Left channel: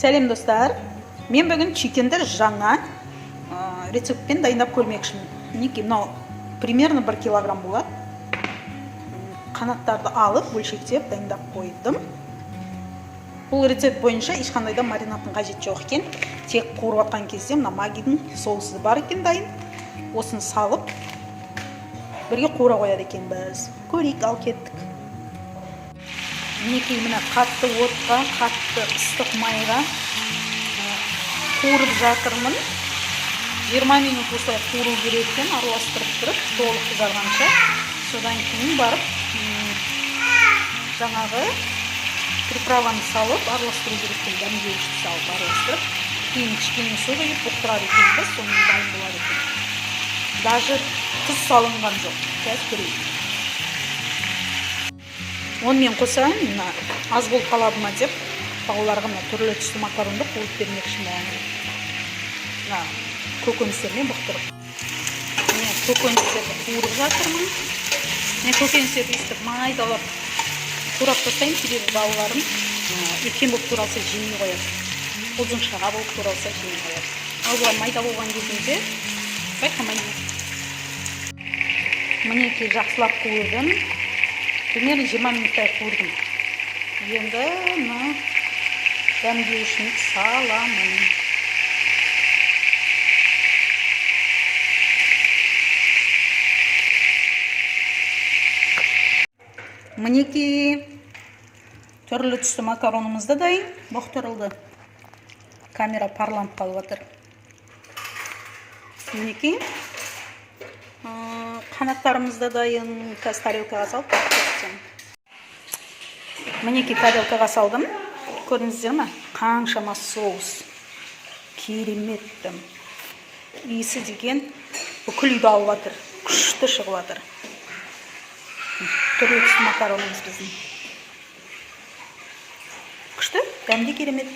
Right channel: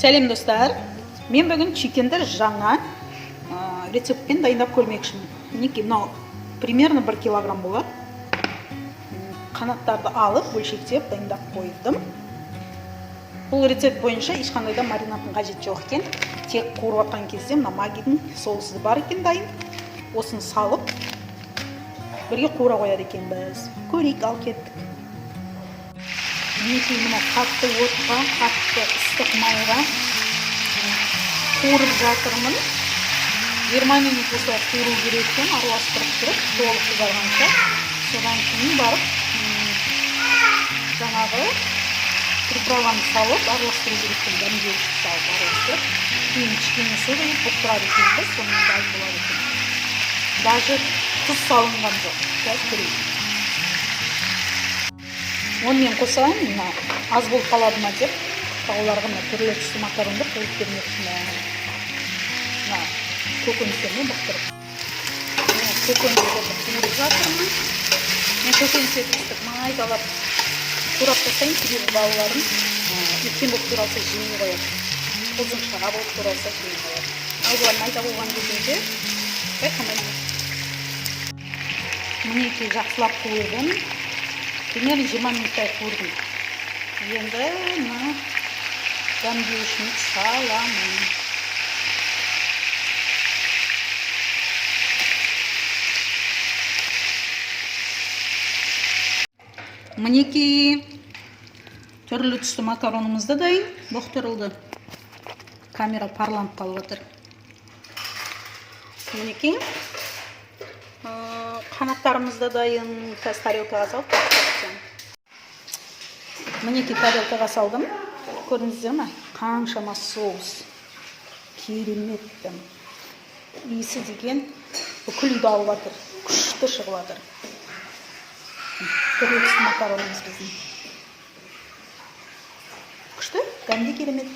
Сәлем достар, мен бүгін чикенді жаңа рецептпен дайындап көрмекшімін. Мінекей мынау примерно 1 килограмм болады. Қанаттарды алып, бөлшектеп дайындап қойдым. Бұл рецепт бойынша ешқандай да маринадтың қажеті жоқ екен. Тек қуырып жатқан кезде мына магидің соусы бар екен дайын. Осыны салып, бірге қуыра қояды екенбіз. Көрейік, ал кеттік. Мінекей мына қатты отқа, қатты ыстық майға қуырып жатырмын. 20 минут осылай қуыру керек екен, араластырып тұрып, толық қызарғанша. Содан кейін барып жаңағы приправаны салып, араластыру керек екен, дәмдеуішті салып араластырып. Кейін кішкене су құйып бұқтырады екенбіз, соның дайын болады екен. Даже тұз салынған жоқ. Қазір көрейік. Онымен қоса, аз болып қалады ма деп, балаларға түрлі түсті макаронды қуырып бермекшімін. Көкөністермен бұқтырып. Көкөністерді қуырып жатырмын. Мен көкөністерді өстіп майдалап турап тастаймын, себебі балаларым үлкен болып туралса жемей қояды. Ұзыншаға болып туралса жемей қояды. Ал бұлар майда болған кезінде байқамайды. Мінекей жақсылап қуырдым. Примерно 20 минуттай қуырдым. Енді дәмдеуішін саламын. Мінекей түрлі түсті макаронымызды дайын, бұқтырылды. Камера парланып қалып жатыр. Мінекей қанаттарымызды дайын, қазір тарелкаға салып бақтырсам. Мінекей тарелкаға салдым. Көрдіңіздер ме? Қаншама соус. Кереметтім. Иісі деген бүкіл үйді алып жатыр. Күшті шығып жатыр. Түрлі түсті макаронымыз біздің. Күшті, дәмді керемет.